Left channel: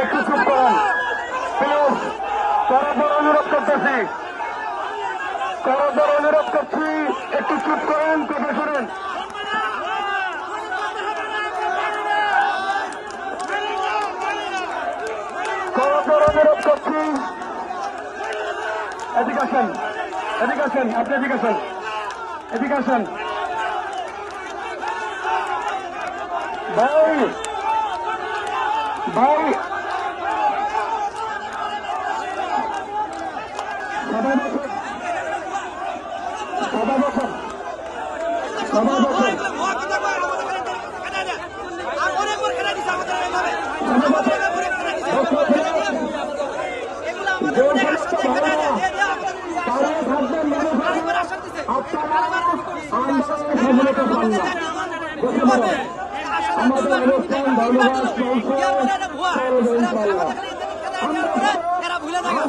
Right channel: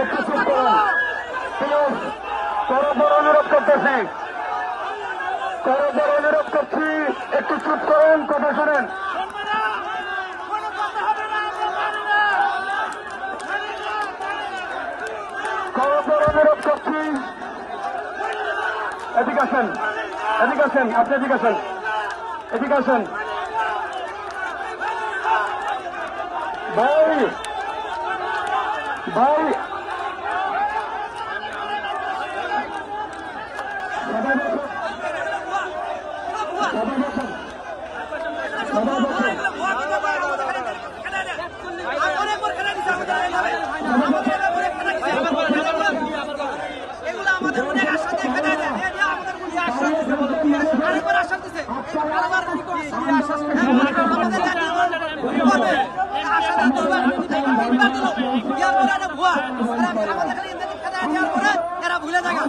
একটু চুপ করুন প্লিজ। করজোর অনুরোধ করতেছি, করজোর অনুরোধ করছি, একটু চুপ করুন, কথা শুনেন। করজোর অনুরোধ করছি, এদিকে আসেন, এদিকে আসেন, আপনি এদিকে আসেন, এদিকে আসেন। ভাই ভাই ভুলে থাকা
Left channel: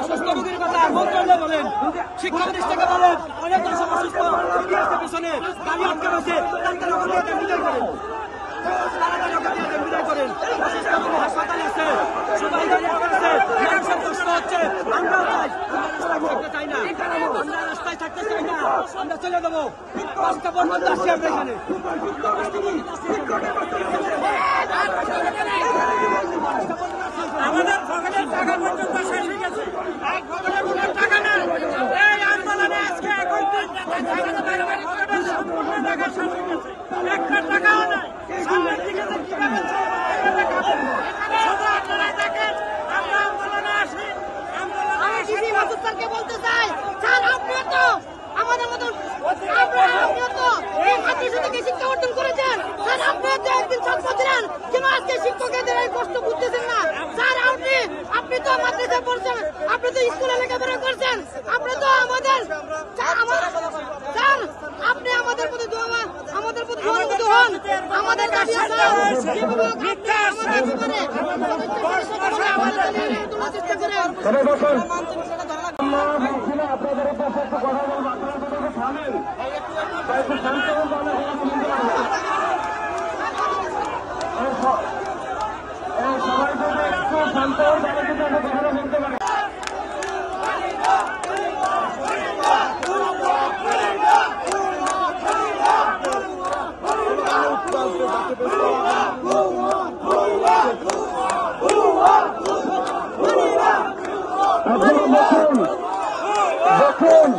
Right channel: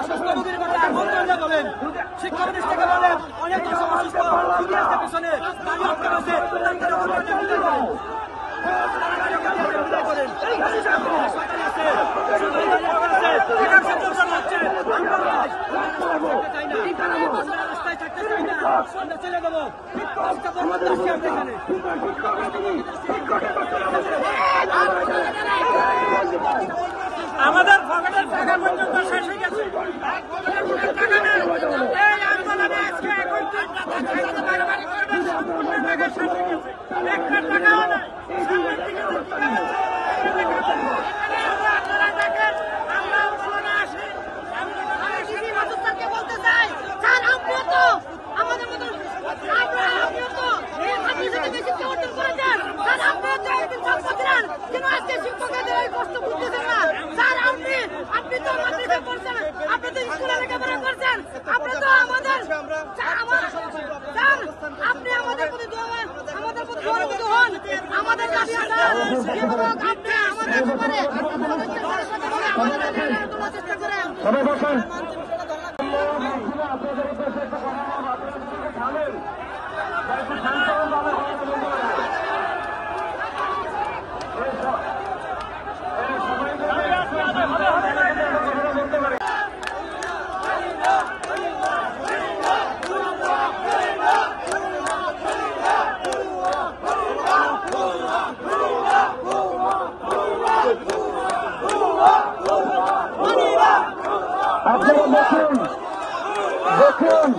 অসুস্থ রোগীর কথা মন্ত্রণালয় বলেন, শিক্ষা প্রতিষ্ঠানে বলেন, অনেক অসুস্থ রোগী আছে পিছনে, গাড়ি আটকে রয়েছে, ডাক্তার বিদায় করেন, বিদায় করেন। অসুস্থ রোগী হাসপাতালে আছে, হচ্ছে, আমরাও চাই, আমরা রাস্তায় থাকতে চাই না, আমরা রাস্তায় থাকতে চাই না, আমরা চলে দেবো। রাস্তা পর্যন্ত আসছি আমরা এখানে। আমাদের পকেটের টাকা পর্যন্ত শেষ হয়ে গেছে, টাকা নেই। এই আন্দোলনে আজকে এখন সম্পূর্ণ টাকা শেষ হয়ে গেছে, একটা টাকাও নাই। সামনের দিকে আপনারা দেখেন, আমরা আন্দোলনে আসি। আমি ডিসি মাসুদ স্যারকে বলতে চাই, স্যার আপনিও তো আমাদের মতন, আপনিও তো এই মাদ্রাসা থেকে শিক্ষা অর্জন করেছেন, স্যার আপনিও তো একদিন ছাত্র ছিলেন, কিন্তু আজকে শিক্ষকদের এই কষ্ট বুঝতেছেন না। স্যার আপনি তো মাদ্রাসায় পড়ছেন, আপনি তো স্কুলে লেখাপড়া করছেন, আপনি তো আমাদের স্যার, আপনি আমাদের প্রতি সহানুভূতি হন। আমাদের দাবি আছে, যেভাবে আপনি আমাদের ব্যাপারে আমাদের তোলার চেষ্টা করেন। দেখুন